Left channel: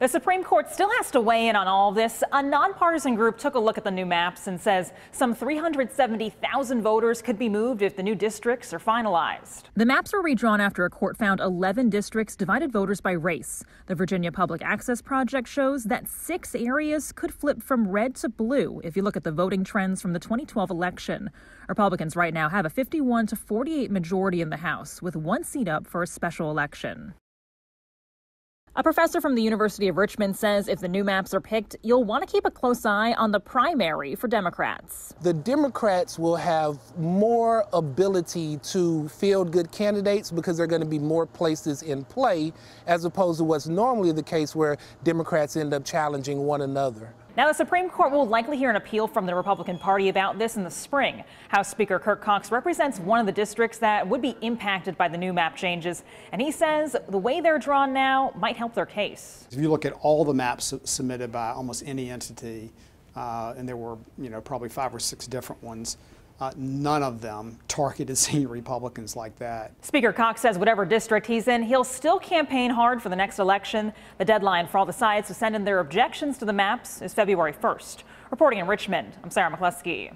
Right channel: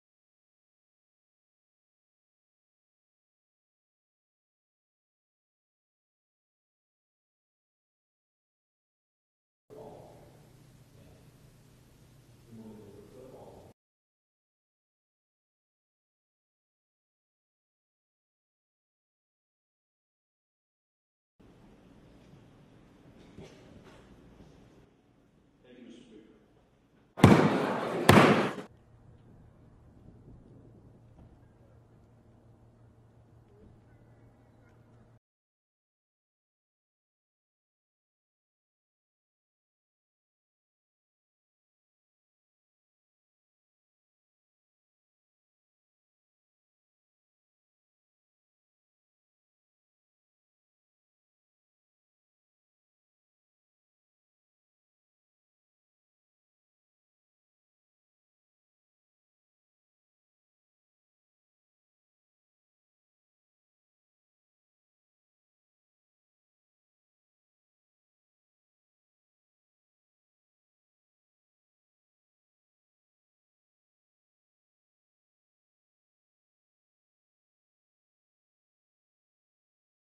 The Supreme Court still has to weigh in on all of this. A nonpartisan group took a look at the new maps and says some 370,000 voters could be moved if the new districts are finalized. The maps were redrawn after a court found 11 districts divided voters by race. The Virginia Public Access Project shows that 6 areas could flip from red to blue if you look at the voting trends from the 2012 election. Republicans right now have a 51 to 48 majority in the House, with 1 seat up for a special election. A professor from the University of Richmond says if the new maps are picked, you'll want to keep a close eye on the primary for Democrats. The Democrats will have more ability to field good candidates because there are going to be more places in play, as opposed to what's normally the case where Democrats end up challenging one another. Now, the Supreme Court will likely hear an appeal from the Republican Party about this in the spring. House Speaker Kirk Cox represents one of the districts that would be impacted by the new map changes, and he says the way they're drawn now might help their case. If you look at all the maps submitted by almost any entity, and there were, probably 5 or 6 different ones, none of them targeted senior Republicans like that. Speaker Cox says whatever district he's in, he'll still campaign hard for the next election. The deadline for all the sides to send in their objections to the maps is February 1st. Reporting in Richmond, I'm Sara McCloskey.